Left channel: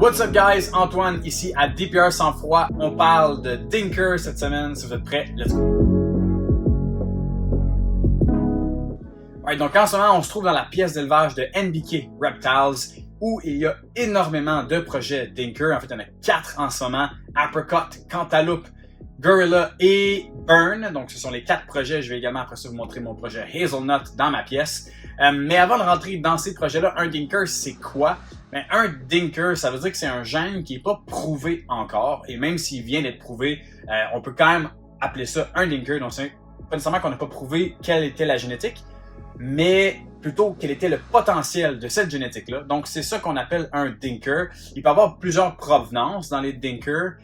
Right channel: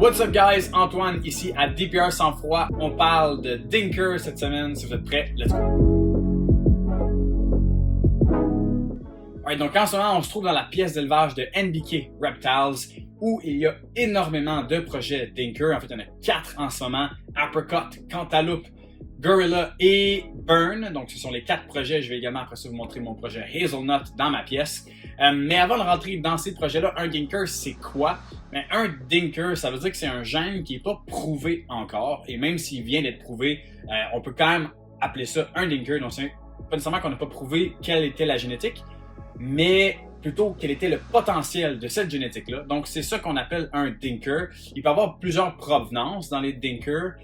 What's up guys, Antoine ici à DPR Sans Froid. On parle de Dinker cette semaine, si vous êtes prêts, let's go! Alright, donc en ce moment, on se trouve dans la pièce d'élevage de NBK Reptiles où il y a énormément de projets Dinker. En fait, il y en a 4 en ce moment, Apricot, Cantaloupe, Gorilla et Burn. Donc, ce sont les 4 projets. Je vais également après ça vous montrer mon projet Hazelnut dans ma pièce. Mais avant de rentrer dans ces projets-là, un Dinker, c'est quoi? Ben, un Dinker, ça veut dire que c'est un gène qui n'est pas prouvé encore. Et même s'il vient d'être prouvé, on peut quand même appeler ça un Dinker. Donc, c'est pas nécessairement qu'on n'a pas prouvé quelle était la génétique, mais plutôt quel était le potentiel de cette génétique-là. Donc, c'est ça qu'on appelle un Dinker. Il peut y avoir plusieurs provenances dans les Dinker.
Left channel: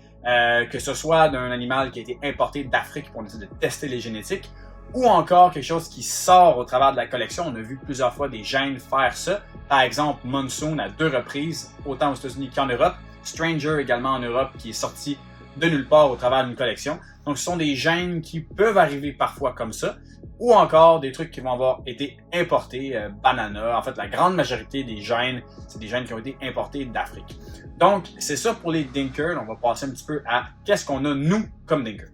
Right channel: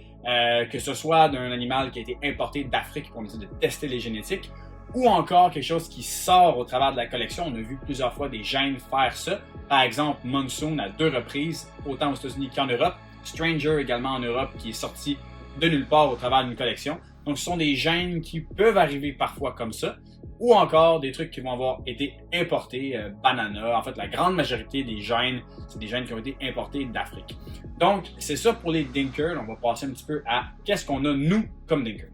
Que ce soit d'un animal qui a été importé d'Afrique pour essayer de tester les génétiques, ou encore quelque chose qui sort au travers de la collection. On a vu plusieurs fois des gènes faire ça. Par exemple, Monsoon à 2 reprises, autant aux États-Unis qu'en Europe. Stranger également en Europe, qui est sorti de nulle part au travers d'une collection. Donc, ce sont des gènes qui peuvent arriver parfois comme ça, ou encore des trucs qui vont avoir été importés, banana. En fait, la grande majorité des gènes, c'est des gènes qui ont été importés d'Afrique. Donc, c'est ça pour les Dinker. On va passer un petit peu à qu'est-ce qu'on a, nous, comme Dinker.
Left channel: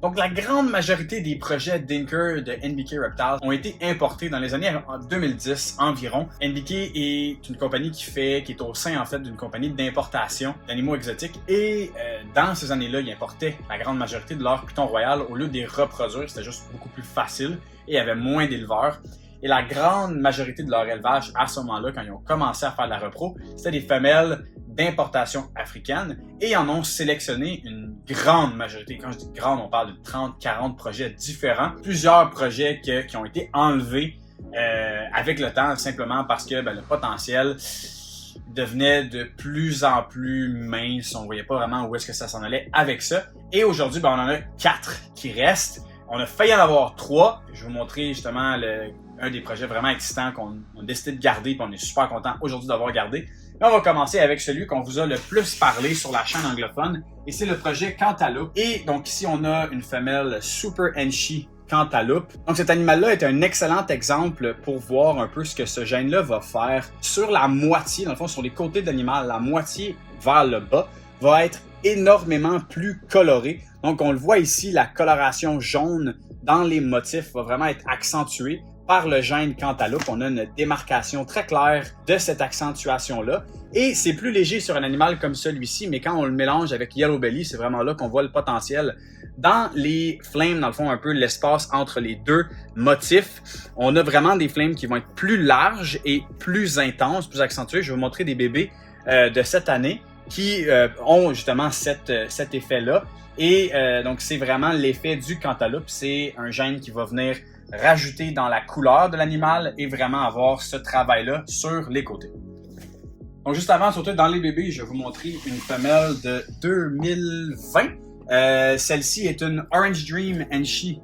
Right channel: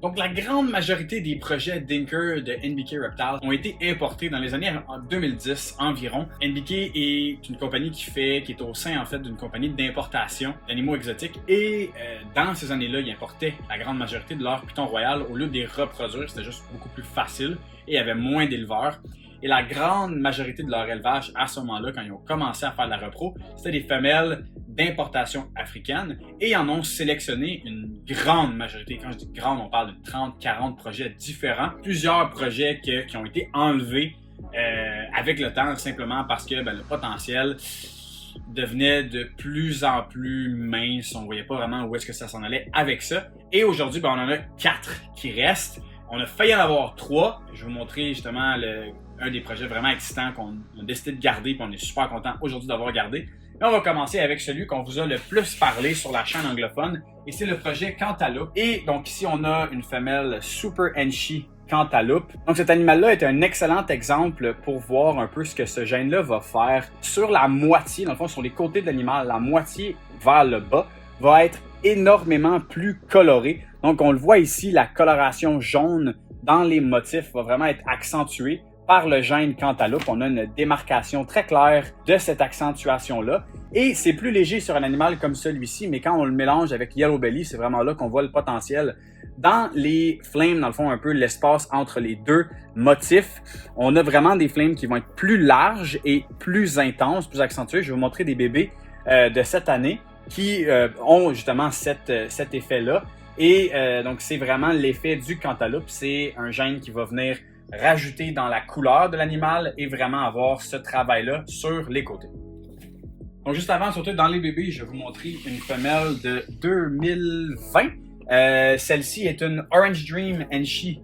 Donc, la grande majorité des projets Dinker de NBK Reptiles ont été importés dans les années 2010 environ. NBK est une compagnie qui est au sein, en fait, d'une compagnie d'importation d'animaux exotiques. Et dans ces années-là, ils importaient la grande majorité de leur python royal au lieu de les reproduire. C'était juste beaucoup plus facile et il y avait moins d'éleveurs. Et la grande majorité de leur élevage, à ce moment-là, quand ils ont commencé à faire de la repro, c'était des femelles d'importation africaine et ils en ont sélectionné une grande majorité. Quand je dis grande, on parle de 30-40 projets différents. Plusieurs projets qui ont été enlevés avec le temps, simplement parce que le potentiel devenait de plus en plus mince. On ne voyait pas vraiment où est-ce que ça s'en allait avec ça. Et aujourd'hui, on en a 4 qui restent. On a failli en avoir 3. Je vais vous montrer justement un des projets vraiment excitants qu'on a décidé de garder, puis on est super content aujourd'hui d'avoir gardé. Et on va commencer avec celui qu'on vous a le plus parlé sur la chaîne anglophone, et c'est le projet Cantaloupe. Et donc ici, on a une femelle Super Enchi Cantaloupe. Donc cet animal-là est un excellent exemple pour voir un peu ce que ce gène-là va faire. Sur la moitié, dans le fond, sur les côtés de l'animal, la moitié vers le bas va être énormément plus colorée. Donc on le voit ici, la coloration jaune dans les motifs va vraiment être accentuée par le gène Cantaloupe. On a une démarcation très claire de cette accentuation-là. Et c'est plus léger sur un animal comme celui-ci, mais quand on le mélange avec Yellow Belly, c'est vraiment là qu'on voit le potentiel. Dans les flames, dans le fond, un peu l'espace entre les deux motifs, on a vraiment des flames qui vont être plus larges et plus intenses, plus accentuées. Je vais vous montrer des bébés de cette année qui ont justement cet effet-là. Et donc, c'est vraiment l'effet du Cantaloupe. C'est un gène qui va venir rajouter dans la couleur de l'animal et vraiment avoir ce travail-là sur les côtés. Donc, juste avant de sauter dans les bébés, je vais vous montrer une femelle de 2020. Celle-ci est une Orange Dream Enchi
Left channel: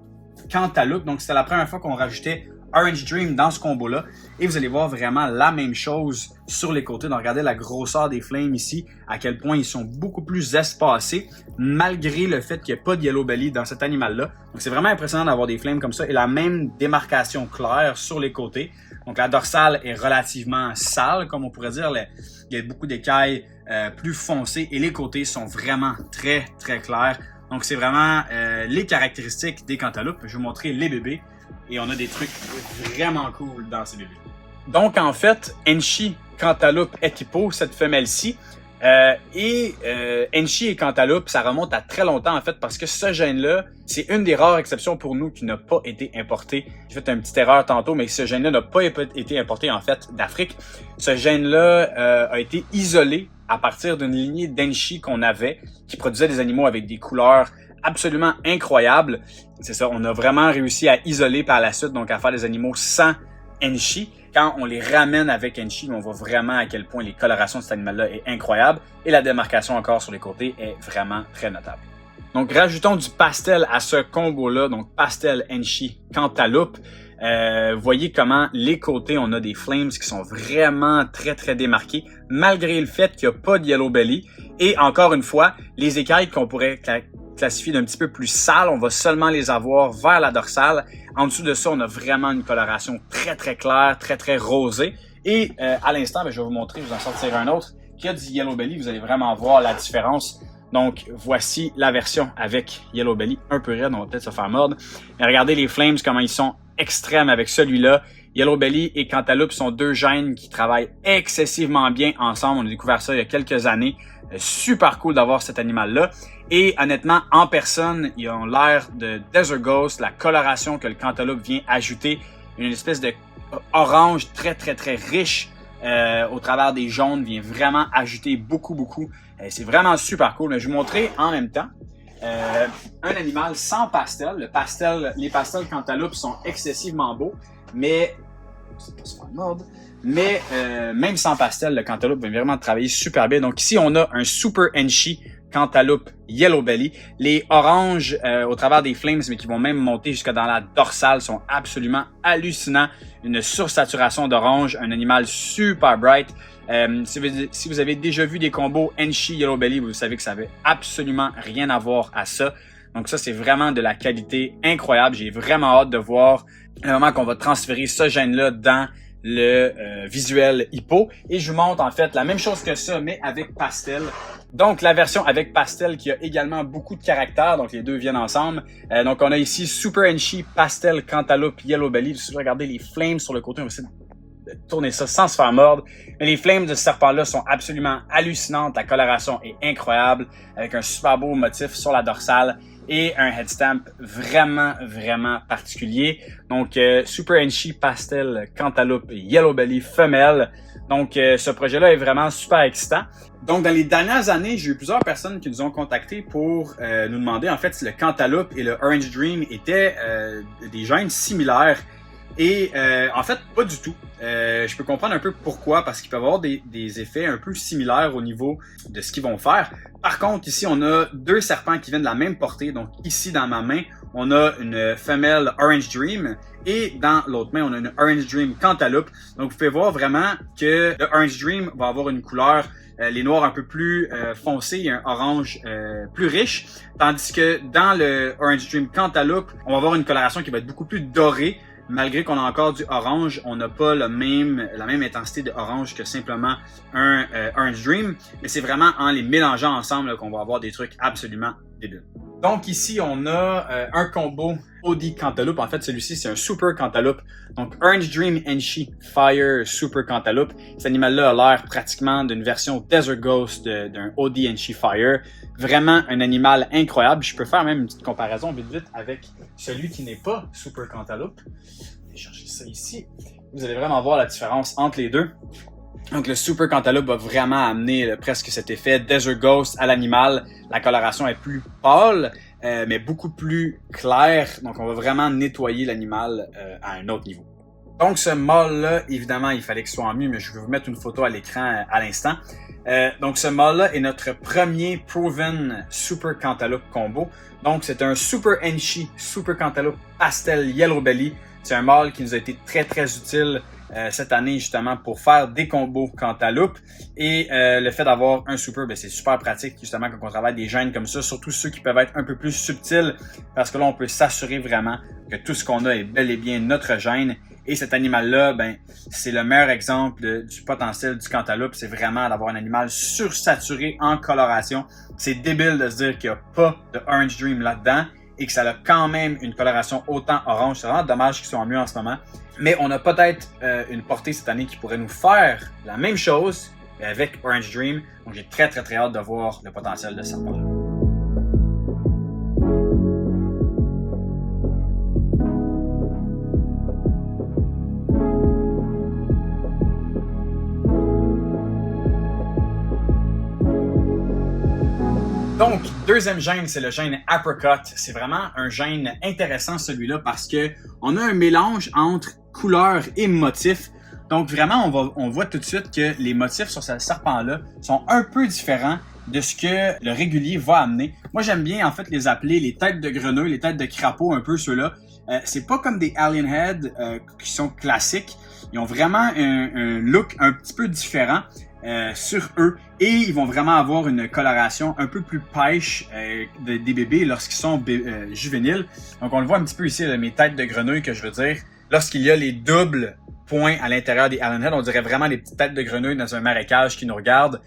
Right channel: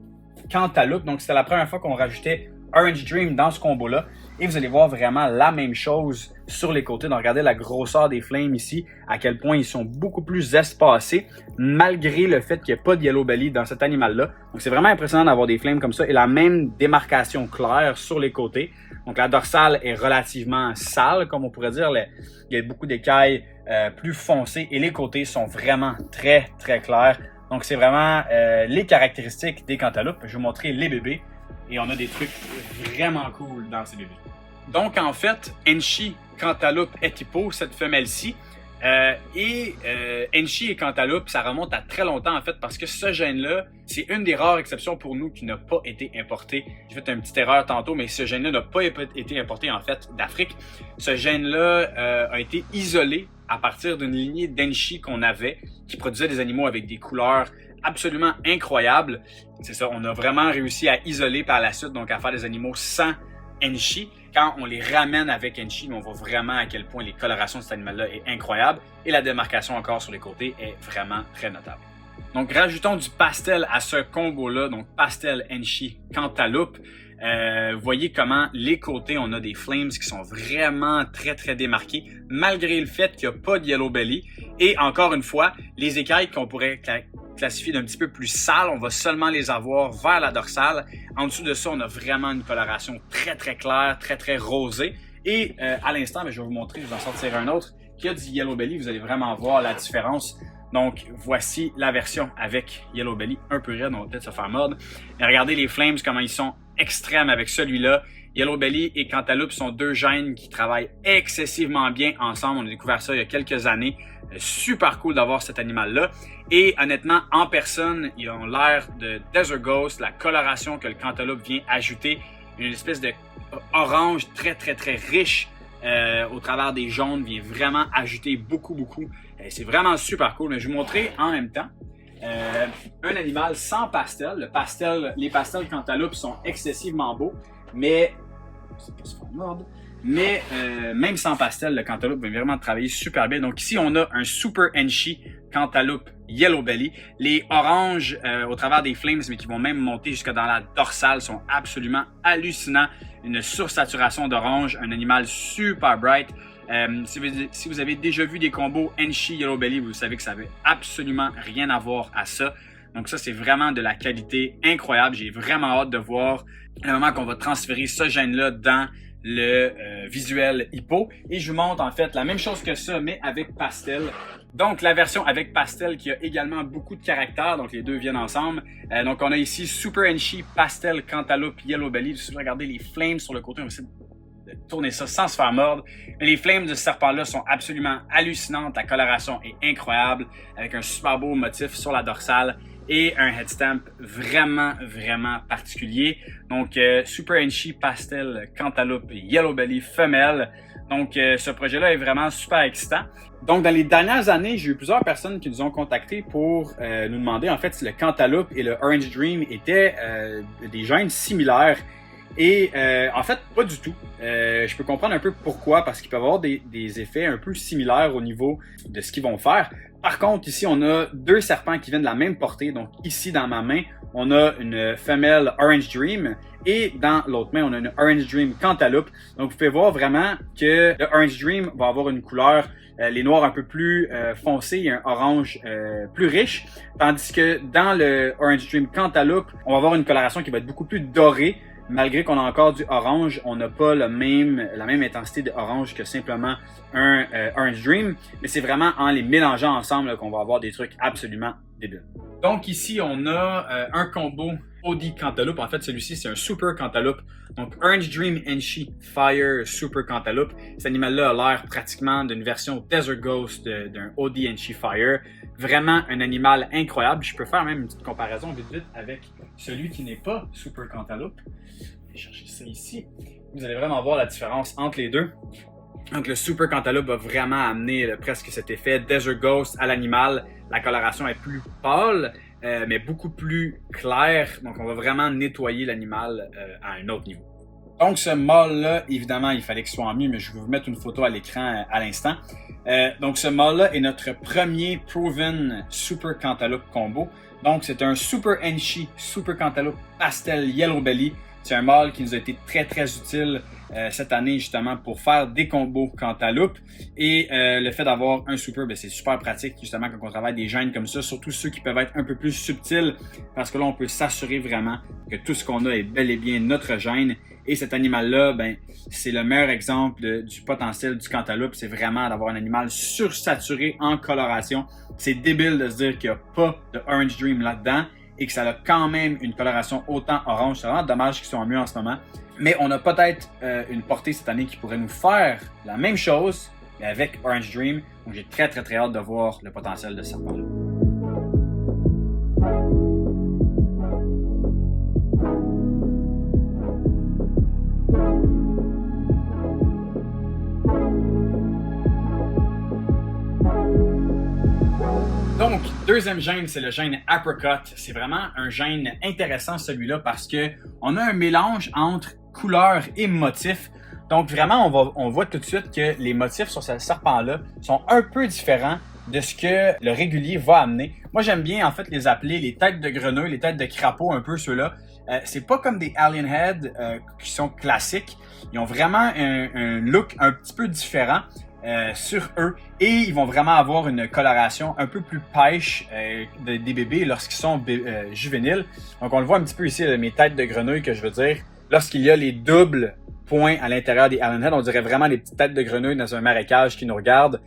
Cantaloupe. Donc, c'était la première fois qu'on rajoutait Orange Dream dans ce combo-là. Et vous allez voir vraiment la même chose sur les côtés. Donc, regardez la grosseur des flames ici, à quel point ils sont beaucoup plus espacés, malgré le fait qu'il n'y a pas de Yellow Belly dans cet animal-là. Donc, c'est vraiment impressionnant d'avoir des flames comme ça et la même démarcation claire sur les côtés. Donc, la dorsale est relativement sale, comme on pourrait dire. Il y a beaucoup d'écailles plus foncées et les côtés sont vraiment très, très clairs. Donc, c'est vraiment les caractéristiques des cantaloupes. Je vais vous montrer les bébés. Et on a des trucs vraiment cool dans ces bébés. Donc, en fait, Enchi Cantaloupe Equipo, cette femelle-ci, Enchi et Cantaloupe, ça remonte à très longtemps, en fait, parce que ce gène-là, c'est une des rares exceptions pour nous qui n'a pas été importé. J'ai fait une petite erreur tantôt, mais ce gène-là n'a pas été importé, en fait, d'Afrique. Ce gène-là a été isolé à partir d'une lignée d'Enchi qu'on avait, qui produisait des animaux avec des couleurs absolument incroyable. C'est ça, on a vraiment réussi à isoler par la suite, donc à faire des animaux sans Enchi. Quand on les ramène avec Enchi, on voit vraiment à quel point les colorations de cet animal-là est incroyable et la démarcation encore sur les côtés est vraiment très notable. Donc rajoutons du pastel à ce combo-là, donc pastel Enchi Cantaloupe. Voyez comment les côtés, on a des flames qui sont vraiment très très démarqués, malgré le fait qu'il n'y a pas de Yellow Belly. Et encore une fois, les écailles qu'on pourrait classifié d'un petit peu plus sale, on va seulement les avoir vers la dorsale. En dessous de ça, on a vraiment une coloration très très claire, très très rosée. Et à l'instant, je vais vous montrer, je vais en sortir un autre, qu'il y a du Yellow Belly, vous allez vraiment voir la différence. Donc, voici la version avec Yellow Belly, un peu raide, on va peut-être se faire mordre. Mais regardez les Flames, comment ils sont extrêmes avec celui-là. Yellow Belly et Cantaloupe sont deux gènes qui travaillent excessivement bien ensemble. On a découvert ça il y a quelques années. Super cool d'avoir cet animal-là. Et honnêtement, en personne, ils ont l'air de Desert Ghost, la coloration que le Cantaloupe vient ajouter. Une espèce de orange très, très, très riche au travers des jaunes vient vraiment ajouter beaucoup. C'est vraiment super cool. Je vais vous montrer en même temps un animal sans pastel. Les pastels Cantaloupe sont excessivement beaux, mais c'est pas se faire mordre. Mais même sans pastel, le Cantaloupe va vraiment travailler super bien. Donc ici, on a un Super Enchi Cantaloupe Yellow Belly. Les oranges au travers des Flames, mais qui vont même monter jusqu'à dans la dorsale, sont absolument hallucinants. Une sursaturation d'orange, un animal super bright. Si vous avez déjà vu des combos Enchi Yellow Belly, vous savez que ça n'avait absolument rien à voir à ça. Donc ça, c'est vraiment de la qualité incroyable. J'ai vraiment hâte de voir le moment qu'on va transférer ce gène-là dans le visuel hippo. Et je vous montre en fait la même chose que ça, mais avec pastel. Donc la version avec pastel qui a également beaucoup de caractère, donc les deux viennent ensemble. Donc on a ici Super Enchi Pastel Cantaloupe Yellow Belly. Si vous regardez les flames sur le côté, on va essayer de tourner ça sans se faire mordre. Mais les flames de ce serpent-là sont absolument hallucinantes. La coloration est incroyable, avec un super beau motif sur la dorsale et un headstamp vraiment particulier. Donc, Super Enchi Pastel Cantaloupe Yellow Belly femelle. Donc, ce projet-là est vraiment super excitant. Donc, dans les dernières années, j'ai eu plusieurs personnes qui nous ont contactés pour nous demander en fait si le Cantaloupe et le Orange Dream étaient des gènes similaires. Et en fait, pas du tout. Je peux comprendre un peu pourquoi, parce qu'ils peuvent avoir des effets un peu similaires au niveau de ce qu'ils vont faire. Par contre, ici, on a deux serpents qui viennent de la même portée. Donc ici, dans ma main, on a une femelle Orange Dream et dans l'autre main, on a une Orange Dream Cantaloupe. Donc vous pouvez voir vraiment que le Orange Dream va avoir une couleur les noirs un peu plus foncés et un orange plus riche. Tandis que dans le Orange Dream Cantaloupe, on va avoir une coloration qui va être beaucoup plus dorée. Malgré qu'on a encore du orange, on n'a pas la même intensité de orange que simplement un Orange Dream. Mais c'est vraiment en les mélangeant ensemble qu'on va avoir des trucs absolument débiles. Donc ici, on a un combo OD Cantaloupe. En fait, celui-ci, c'est un Super Cantaloupe. Donc Orange Dream Enchi Fire Super Cantaloupe. Cet animal-là a l'air pratiquement d'une version Desert Ghost d'un OD Enchi Fire. Vraiment un animal incroyable. Je peux faire même une petite comparaison vite avec celui qui n'est pas Super Cantaloupe. Je vais chercher ça ici. Vous allez vraiment voir la différence entre les deux. Donc le Super Cantaloupe va vraiment amener presque cet effet Desert Ghost à l'animal. La coloration est plus pâle, mais beaucoup plus claire. Donc on va vraiment nettoyer l'animal à un autre niveau. Donc ce mâle-là, évidemment, il fallait qu'il soit en mieux, mais je vais vous mettre une photo à l'écran à l'instant. Donc ce mâle-là est notre premier Proven Super Cantaloupe combo. Donc c'est un Super Enchi Super Cantaloupe Pastel Yellow Belly. C'est un mâle qui nous a été très utile cette année justement pour faire des combos Cantaloupe. Et le fait d'avoir un super, c'est super pratique justement quand on travaille des gènes comme ça, surtout ceux qui peuvent être un peu plus subtils, parce que là on peut s'assurer vraiment que tout ce qu'on a est bel et bien notre gène. Et cet animal-là, c'est le meilleur exemple du potentiel du Cantaloupe. C'est vraiment d'avoir un animal sursaturé en coloration. C'est débile de se dire qu'il n'y a pas de Orange Dream là-dedans et que ça a quand même une coloration autant orange. C'est vraiment dommage qu'ils soient mieux en ce moment. Mais on a peut-être une portée cette année qui pourrait nous faire la même chose, mais avec Orange Dream. Donc j'ai très hâte de voir le potentiel de ce serpent-là. Donc, deuxième gène, c'est le gène Apricot. C'est vraiment un gène intéressant celui-là parce que on a un mélange entre couleur et motif. Donc vraiment, on voit tout de suite que les motifs sur ce serpent-là sont un peu différents de ce que le régulier va amener. Moi, j'aime bien en fait les appeler les têtes de grenouille, les têtes de crapaud, un peu ceux-là. C'est pas comme des Alien Head qui sont classiques. Ils ont vraiment un look un petit peu différent. Sur eux et ils vont vraiment avoir une coloration un peu plus pêche des bébés lorsqu'ils sont juvéniles. Donc on le voit un petit peu ici, mes têtes de grenouille que je veux dire. Lorsqu'il y a les doubles points à l'intérieur des Allen Head, on dirait vraiment les petites têtes de grenouille dans un marécage qui nous regardent.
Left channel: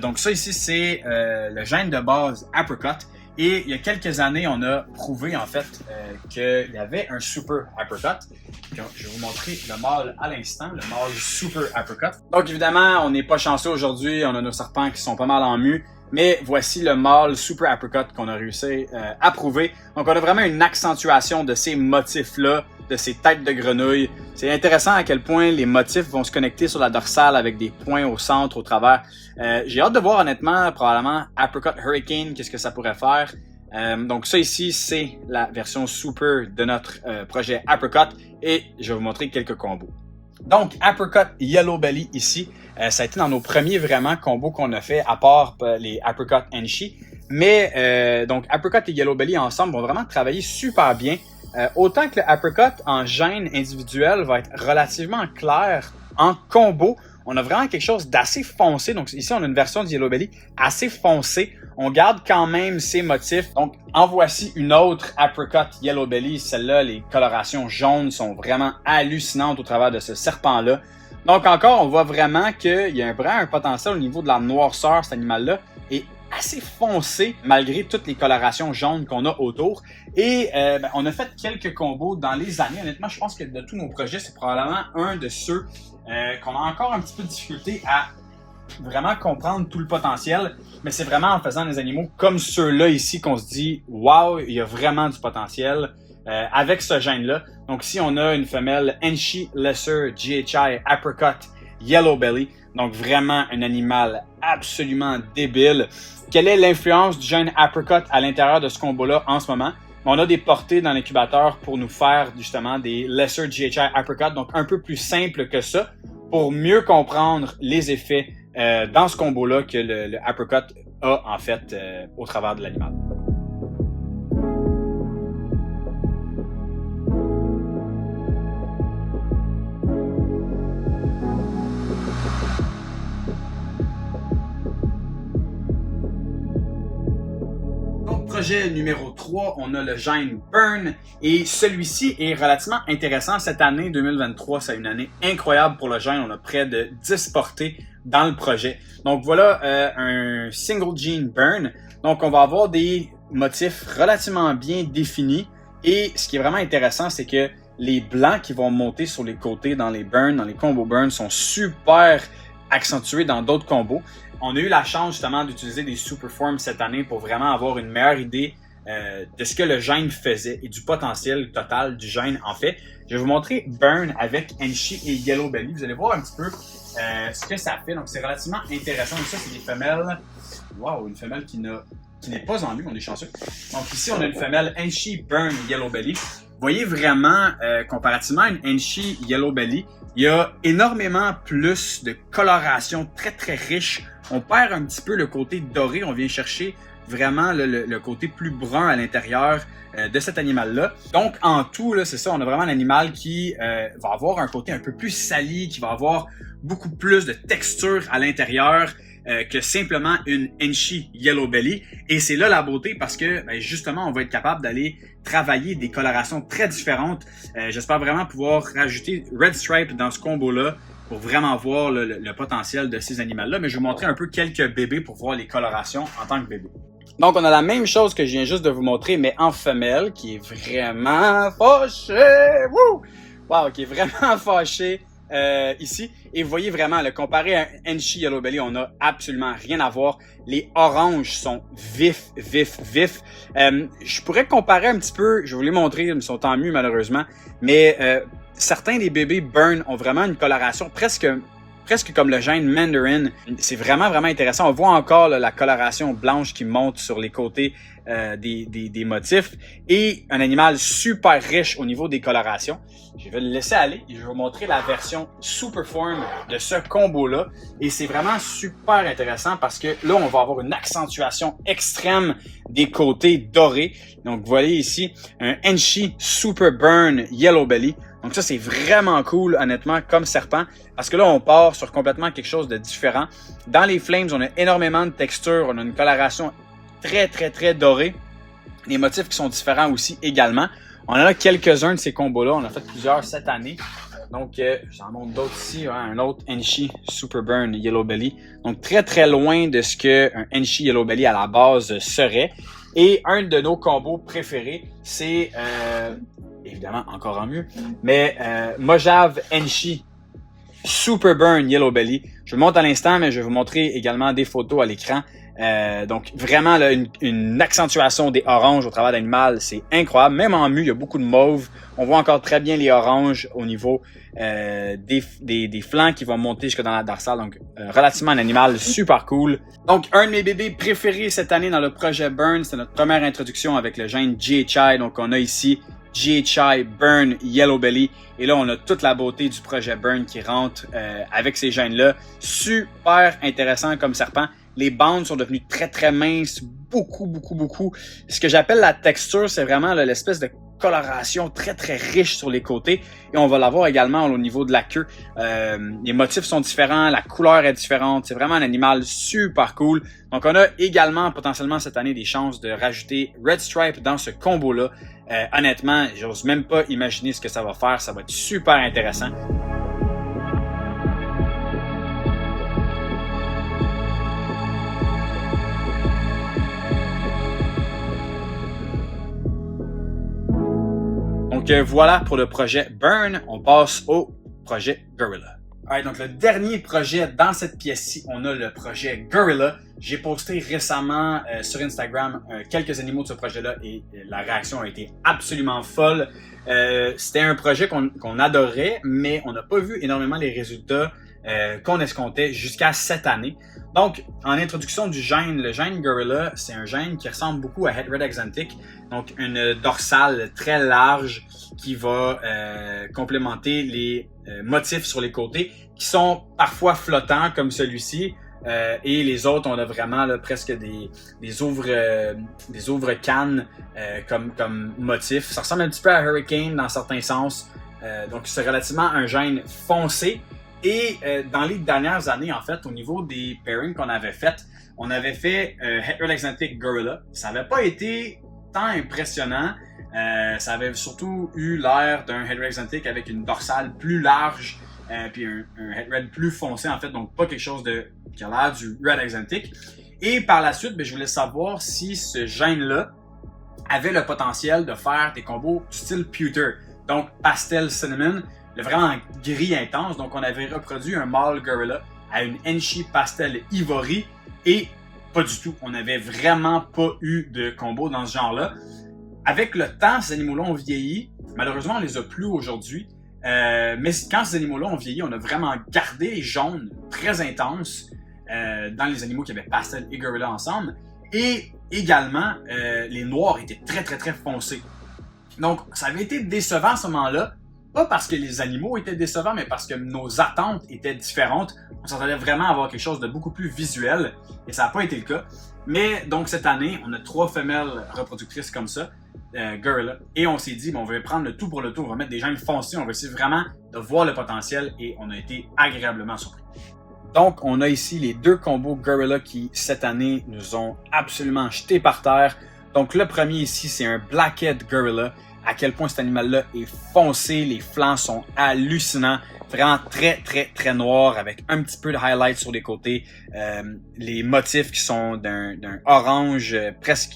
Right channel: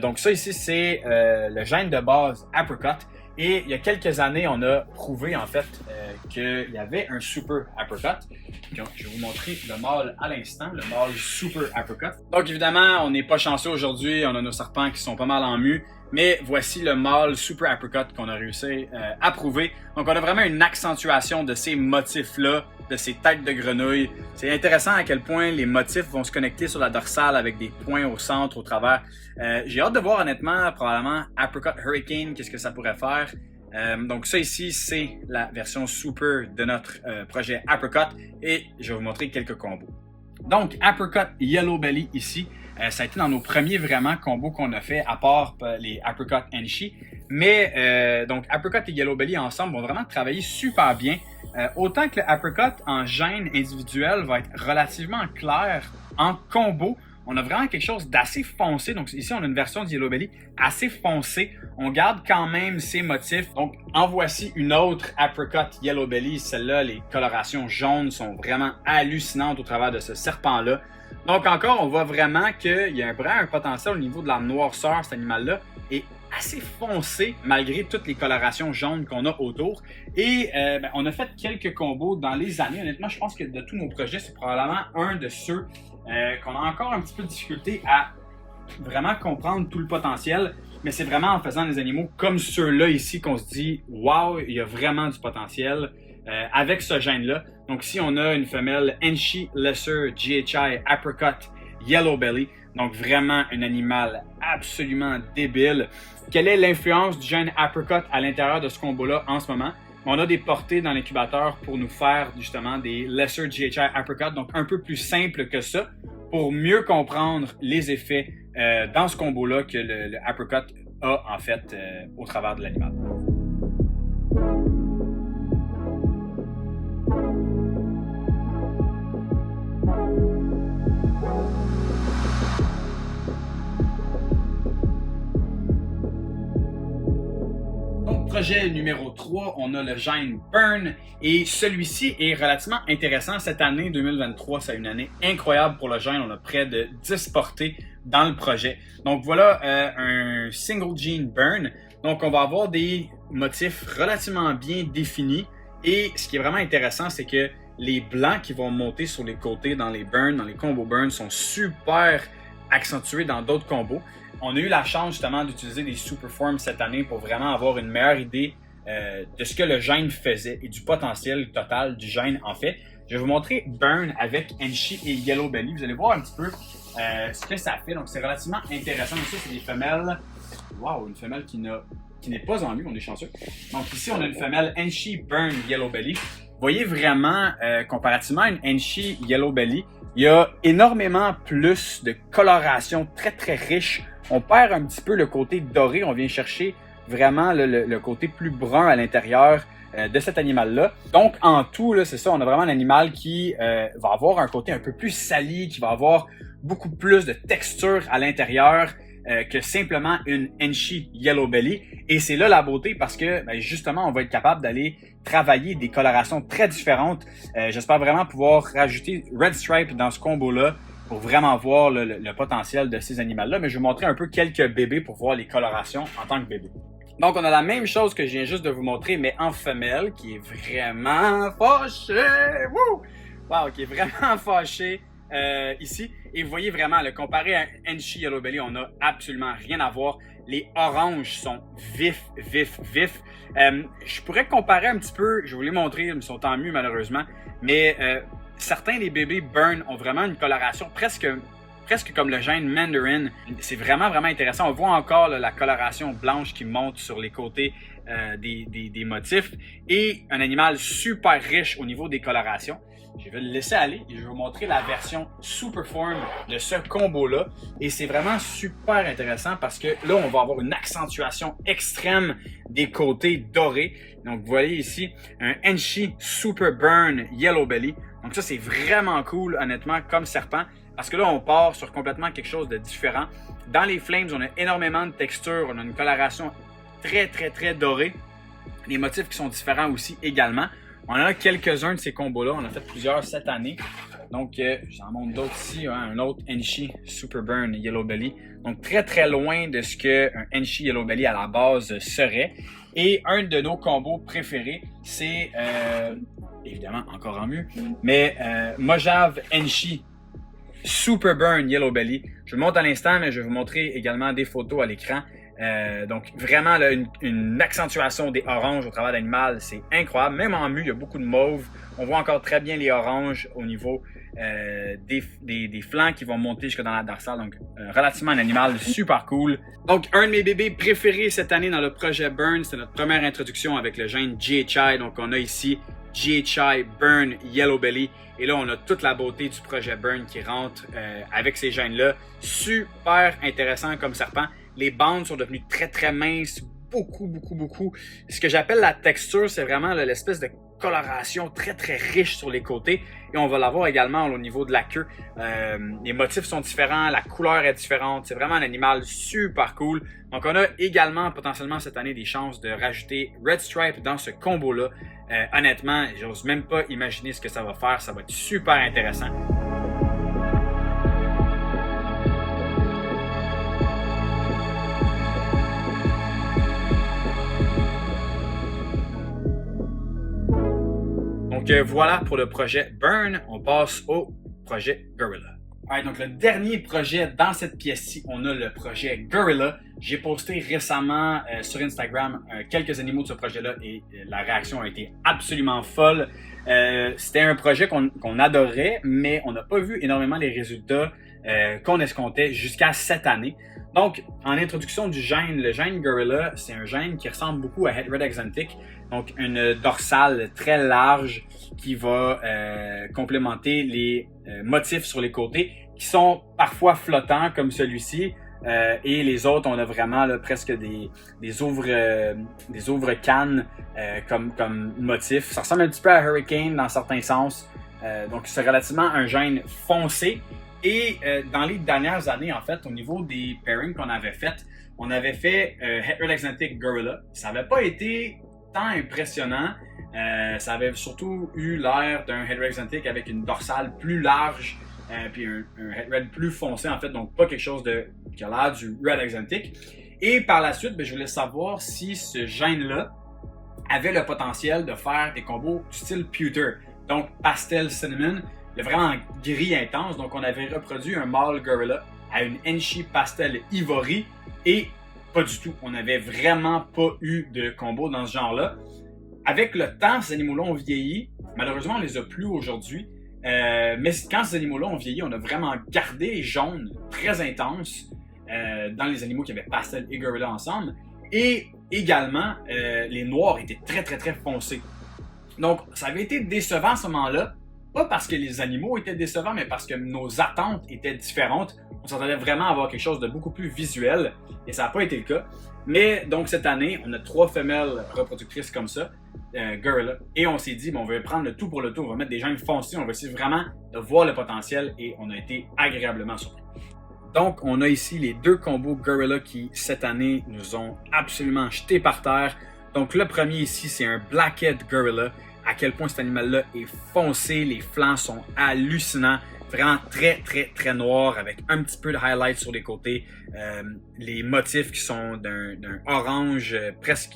Donc ça ici, c'est le gène de base Apricot. Et il y a quelques années, on a prouvé en fait qu'il y avait un Super Apricot. Donc, je vais vous montrer le mâle à l'instant, le mâle Super Apricot. Donc évidemment, on n'est pas chanceux aujourd'hui, on a nos serpents qui sont pas mal en mue. Mais voici le mâle Super Apricot qu'on a réussi à prouver. Donc on a vraiment une accentuation de ces motifs-là, de ces têtes de grenouille. C'est intéressant à quel point les motifs vont se connecter sur la dorsale avec des points au centre, au travers. J'ai hâte de voir honnêtement, probablement Apricot Hurricane, qu'est-ce que ça pourrait faire. Donc ça ici, c'est la version Super de notre projet Apricot et je vais vous montrer quelques combos. Donc Apricot Yellow Belly ici, ça a été dans nos premiers vraiment combos qu'on a fait, à part les Apricot Enchi. Mais donc Apricot et Yellow Belly ensemble vont vraiment travailler super bien. Autant que le Apricot en gène individuel va être relativement clair, en combo, on a vraiment quelque chose d'assez foncé. Donc ici, on a une version de Yellow Belly assez foncée. On garde quand même ses motifs. Donc en voici une autre Apricot Yellow Belly. Celle-là, les colorations jaunes sont vraiment hallucinantes au travers de ce serpent-là. Donc encore, on voit vraiment qu'il y a un potentiel au niveau de la noirceur, cet animal-là, est assez foncé malgré toutes les colorations jaunes qu'on a autour. Et on a fait quelques combos dans les années. Honnêtement, je pense que de tous nos projets, c'est probablement un de ceux qu'on a encore un petit peu de difficulté à vraiment comprendre tout le potentiel. Mais c'est vraiment en faisant des animaux comme ceux-là ici qu'on se dit « Wow, il y a vraiment du potentiel ». Avec ce gène-là. Donc ici, on a une femelle Enchi Lesser GHI Apricot Yellow Belly. Donc vraiment un animal absolument débile. Quelle est l'influence du gène Apricot à l'intérieur de ce combo-là en ce moment? On a des portées dans l'incubateur pour nous faire justement des Lesser GHI Apricot, donc un peu plus simple que ça, pour mieux comprendre les effets dans ce combo-là que le Apricot a en fait au travers de l'animal. Projet numéro 3, on a le gène Burn et celui-ci est relativement intéressant. Cette année 2023, c'est une année incroyable pour le gène. On a près de 10 portées dans le projet. Donc voilà un single gene Burn. Donc on va avoir des motifs relativement bien définis et ce qui est vraiment intéressant, c'est que les blancs qui vont monter sur les côtés dans les burns, dans les combos burn sont super accentués dans d'autres combos. On a eu la chance justement d'utiliser des Superforms cette année pour vraiment avoir une meilleure idée de ce que le gène faisait et du potentiel total du gène en fait. Je vais vous montrer Burn avec Enchi et Yellow Belly. Vous allez voir un petit peu ce que ça fait. Donc c'est relativement intéressant. Donc ça, c'est des femelles. Wow, une femelle qui n'est pas en mue, on est chanceux. Donc ici, on a une femelle Enchi Burn Yellow Belly. Vous voyez vraiment, comparativement à une Enchi Yellow Belly, il y a énormément plus de coloration très très riche. On perd un petit peu le côté doré, on vient chercher vraiment le côté plus brun à l'intérieur de cet animal-là. Donc en tout, c'est ça, on a vraiment un animal qui va avoir un côté un peu plus sali, qui va avoir beaucoup plus de texture à l'intérieur que simplement une Enchi Yellow Belly. Et c'est là la beauté parce que justement, on va être capable d'aller travailler des colorations très différentes. J'espère vraiment pouvoir rajouter Red Stripe dans ce combo-là pour vraiment voir le potentiel de ces animaux-là. Mais je vais vous montrer un peu quelques bébés pour voir les colorations en tant que bébé. Donc, on a la même chose que je viens juste de vous montrer, mais en femelle, qui est vraiment fâchée. Wouh! Wow, qui est vraiment fâchée ici. Et vous voyez vraiment, comparé à Enchi Yellow Belly, on n'a absolument rien à voir. Les oranges sont vifs, vifs, vifs. Je pourrais comparer un petit peu, je vais vous les montrer, ils sont en mue malheureusement, mais certains des bébés Burn ont vraiment une coloration presque comme le gène Mandarin. C'est vraiment, vraiment intéressant. On voit encore la coloration blanche qui monte sur les côtés des motifs et un animal super riche au niveau des colorations. Je vais le laisser aller et je vais vous montrer la version Superform de ce combo-là. Et c'est vraiment super intéressant parce que là, on va avoir une accentuation extrême des côtés dorés. Donc, vous voyez ici un Enchi Super Burn Yellow Belly. Donc ça, c'est vraiment cool, honnêtement, comme serpent, parce que là, on part sur complètement quelque chose de différent. Dans les Flames, on a énormément de textures, on a une coloration très, très, très dorée. Les motifs qui sont différents aussi également. On en a quelques-uns de ces combos-là, on en a fait plusieurs cette année. Donc, j'en montre d'autres ici, hein, un autre Enchi Super Burn Yellow Belly. Donc, très très loin de ce qu'un Enchi Yellow Belly à la base serait. Et un de nos combos préférés, c'est évidemment encore en mieux, mais Mojave Enchi Super Burn Yellow Belly. Je vous le montre à l'instant, mais je vais vous montrer également des photos à l'écran. Donc vraiment là, une accentuation des oranges au travers de l'animal, c'est incroyable. Même en mu, il y a beaucoup de mauve. On voit encore très bien les oranges au niveau des flancs qui vont monter jusque dans la dorsale. Donc relativement un animal super cool. Donc un de mes bébés préférés cette année dans le projet Burn, c'est notre première introduction avec le gène GHI. Donc on a ici GHI Burn Yellow Belly. Et là, on a toute la beauté du projet Burn qui rentre avec ces gènes-là. Super intéressant comme serpent. Les bandes sont devenues très, très minces. Beaucoup. Ce que j'appelle la texture, c'est vraiment l'espèce de coloration très, très riche sur les côtés. Et on va l'avoir également au niveau de la queue. Les motifs sont différents, la couleur est différente. C'est vraiment un animal super cool. Donc, on a également potentiellement cette année des chances de rajouter Red Stripe dans ce combo-là. Honnêtement, j'ose même pas imaginer ce que ça va faire. Ça va être super intéressant. Donc voilà pour le projet Burn. On passe au projet Gorilla. Alright, donc le dernier projet dans cette pièce-ci, on a le projet Gorilla. J'ai posté récemment sur Instagram quelques animaux de ce projet-là et la réaction a été absolument folle. C'était un projet qu'on adorait, mais on n'a pas vu énormément les résultats qu'on escomptait jusqu'à cette année. Donc, en introduction du gène, le gène Gorilla, c'est un gène qui ressemble beaucoup à Het Red Axanthic, donc une dorsale très large qui va complémenter les motifs sur les côtés qui sont parfois flottants comme celui-ci. Et les autres, on a vraiment là, presque des ouvres-cannes comme motif. Ça ressemble un petit peu à Hurricane dans certains sens. Donc, c'est relativement un gène foncé. Et dans les dernières années, en fait, au niveau des pairings qu'on avait fait, on avait fait Het Red Axanthic Gorilla. Ça n'avait pas été tant impressionnant. Ça avait surtout eu l'air d'un Het Red Axanthic avec une dorsale plus large, puis un Het Red plus foncé, en fait, donc pas quelque chose qui a l'air du Red Axanthic. Et par la suite, je voulais savoir si ce gène-là avait le potentiel de faire des combos du style pewter, donc pastel cinnamon, le vraiment gris intense. Donc on avait reproduit un mâle gorilla à une Enchi pastel ivory et pas du tout. On n'avait vraiment pas eu de combo dans ce genre-là. Avec le temps, ces animaux-là ont vieilli. Malheureusement, on les a plus aujourd'hui. Mais quand ces animaux-là ont vieilli, on a vraiment gardé les jaunes très intenses dans les animaux qui avaient pastel et gorilla ensemble. Et également, les noirs étaient très, très, très foncés. Donc, ça avait été décevant à ce moment-là. Pas parce que les animaux étaient décevants, mais parce que nos attentes étaient différentes. On s'attendait vraiment à avoir quelque chose de beaucoup plus visuel, et ça n'a pas été le cas. Mais donc cette année, on a 3 femelles reproductrices comme ça, Gorilla, et on s'est dit, on va prendre le tout pour le tout, on va mettre des gènes foncés, on va essayer vraiment de voir le potentiel, et on a été agréablement surpris. Donc on a ici les 2 combos Gorilla qui, cette année, nous ont absolument jetés par terre. Donc le premier ici, c'est un Blackhead Gorilla. À quel point cet animal-là est foncé, les flancs sont hallucinants, vraiment très, très, très noirs avec un petit peu de highlight sur les côtés. Les motifs qui sont d'un orange,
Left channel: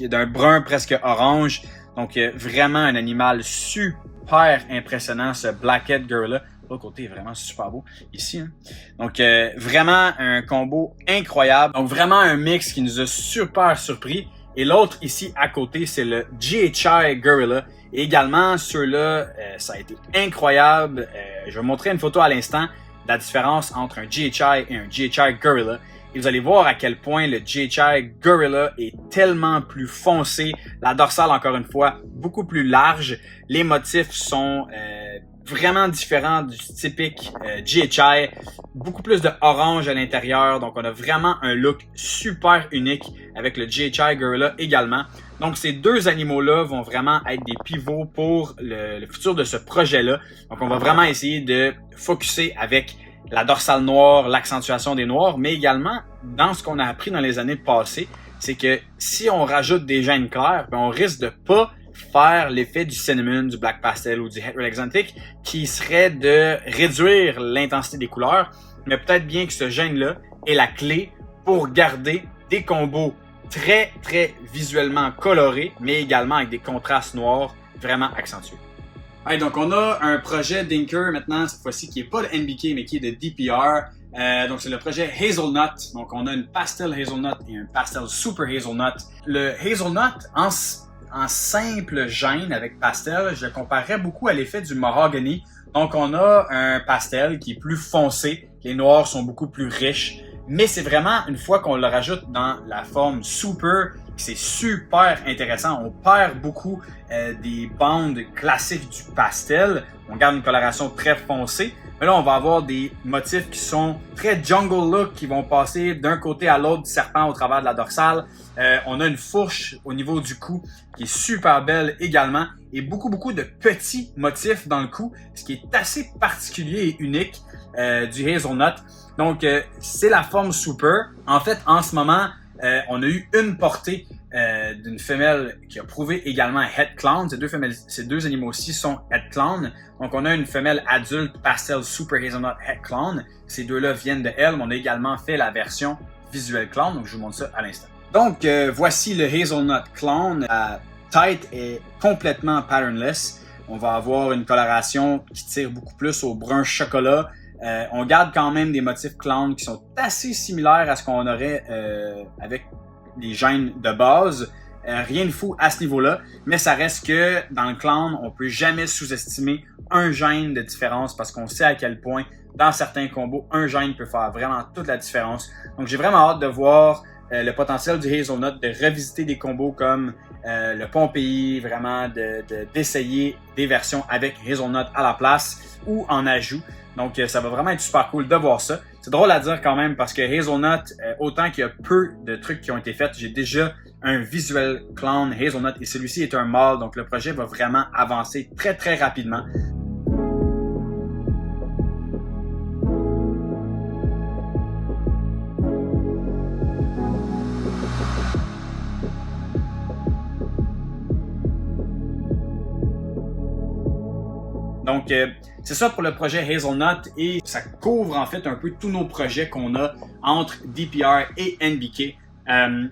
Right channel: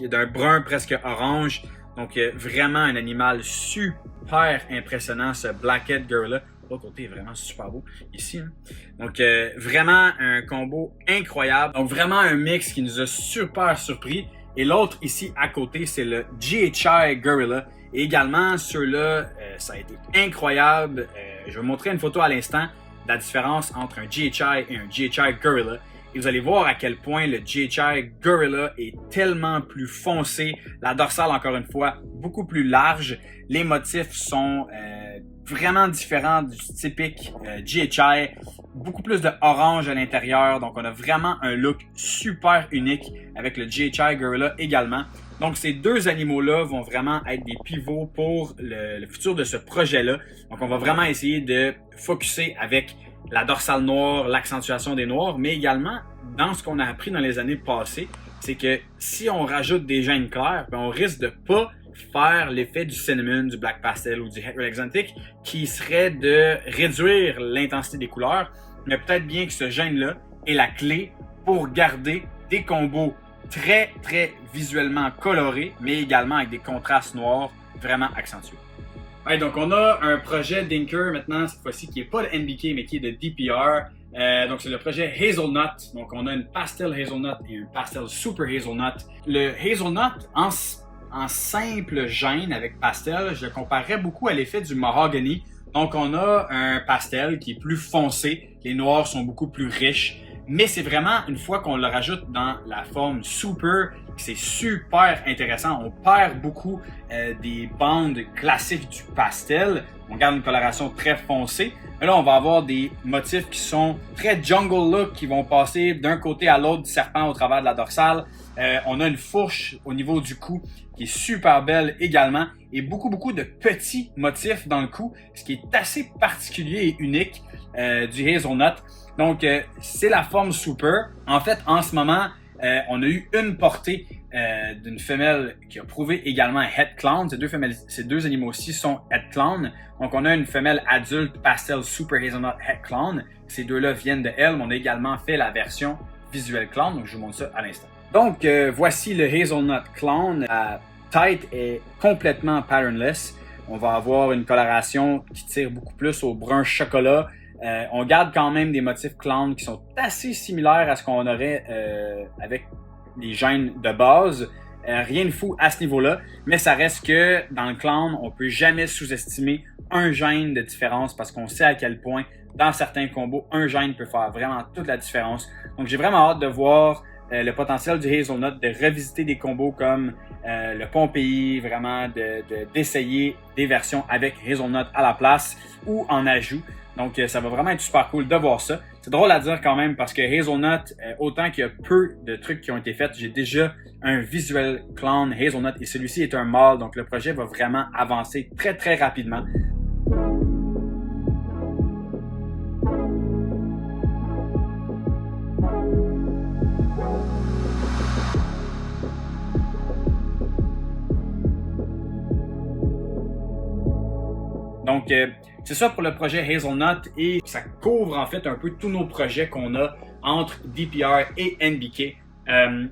d'un brun presque orange. Donc vraiment un animal super impressionnant, ce Blackhead Gorilla. L'autre côté est vraiment super beau, ici. Hein. Donc vraiment un combo incroyable. Donc vraiment un mix qui nous a super surpris. Et l'autre ici à côté, c'est le GHI Gorilla. Et également, ceux-là, ça a été incroyable. Je vais vous montrer une photo à l'instant de la différence entre un GHI et un GHI Gorilla. Et vous allez voir à quel point le GHI Gorilla est tellement plus foncé. La dorsale, encore une fois, beaucoup plus large. Les motifs sont vraiment différents du typique GHI. Beaucoup plus de orange à l'intérieur. Donc, on a vraiment un look super unique avec le GHI Gorilla également. Donc, ces 2 animaux-là vont vraiment être des pivots pour le futur de ce projet-là. Donc, on va vraiment essayer de focusser avec la dorsale noire, l'accentuation des noirs, mais également, dans ce qu'on a appris dans les années passées, c'est que si on rajoute des gènes clairs, on risque de pas faire l'effet du cinnamon, du black pastel ou du het red exotic, qui serait de réduire l'intensité des couleurs, mais peut-être bien que ce gène-là est la clé pour garder des combos très visuellement colorés, mais également avec des contrastes noirs vraiment accentués. Ouais, donc on a un projet d'Inker maintenant, cette fois-ci, qui n'est pas de NBK, mais qui est de DPR. Donc c'est le projet Hazelnut. Donc on a une pastel Hazelnut et un pastel Super Hazelnut. Le Hazelnut, en simple gêne avec pastel, je le comparerais beaucoup à l'effet du mahogany. Donc on a un pastel qui est plus foncé, les noirs sont beaucoup plus riches. Mais c'est vraiment, une fois qu'on le rajoute dans la forme super, c'est super intéressant. On perd beaucoup des bandes classiques du pastel. On garde une coloration très foncée. Mais là, on va avoir des motifs qui sont très jungle look, qui vont passer d'un côté à l'autre du serpent au travers de la dorsale. On a une fourche au niveau du cou qui est super belle également. Et beaucoup de petits motifs dans le cou, ce qui est assez particulier et unique du Hazelnut. Donc, c'est la forme super. En fait, en ce moment, on a eu une portée d'une femelle qui a prouvé également un het clown. Ces deux animaux-ci sont het clown. Donc, on a une femelle adulte pastel super hazelnut het clown. Ces deux-là viennent de elle, mais on a également fait la version visuelle clown. Donc, je vous montre ça à l'instant. Donc, voici le hazelnut clown. La tête est complètement patternless. On va avoir une coloration qui tire beaucoup plus au brun chocolat. On garde quand même des motifs clown qui sont assez similaires à ce qu'on aurait avec des gènes de base. Rien de fou à ce niveau-là, mais ça reste que dans le clown, on peut jamais sous-estimer un gène de différence parce qu'on sait à quel point, dans certains combos, un gène peut faire vraiment toute la différence. Donc j'ai vraiment hâte de voir le potentiel du Hazelnut, de revisiter des combos comme le Pompéi, vraiment d'essayer des versions avec Hazelnut à la place ou en ajout. Donc, ça va vraiment être super cool de voir ça. C'est drôle à dire quand même parce que Hazelnut, autant qu'il y a peu de trucs qui ont été faits, j'ai déjà un visuel clown Hazelnut et celui-ci est un mâle. Donc, le projet va vraiment avancer très rapidement. Donc, c'est ça pour le projet Hazelnut et ça couvre en fait un peu tous nos projets qu'on a entre DPR et NBK.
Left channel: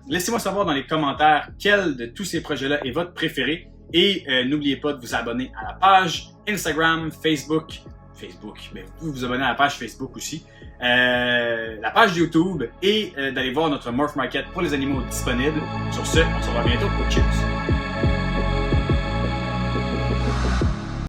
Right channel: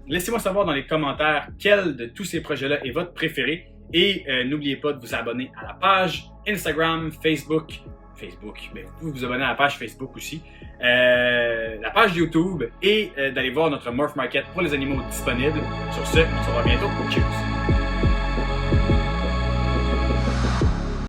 Laissez-moi savoir dans les commentaires quel de tous ces projets-là est votre préféré et n'oubliez pas de vous abonner à la page Instagram, Facebook, mais vous pouvez vous abonner à la page Facebook aussi, la page YouTube et d'aller voir notre Morph Market pour les animaux disponibles. Sur ce, on se revoit bientôt. Cheers!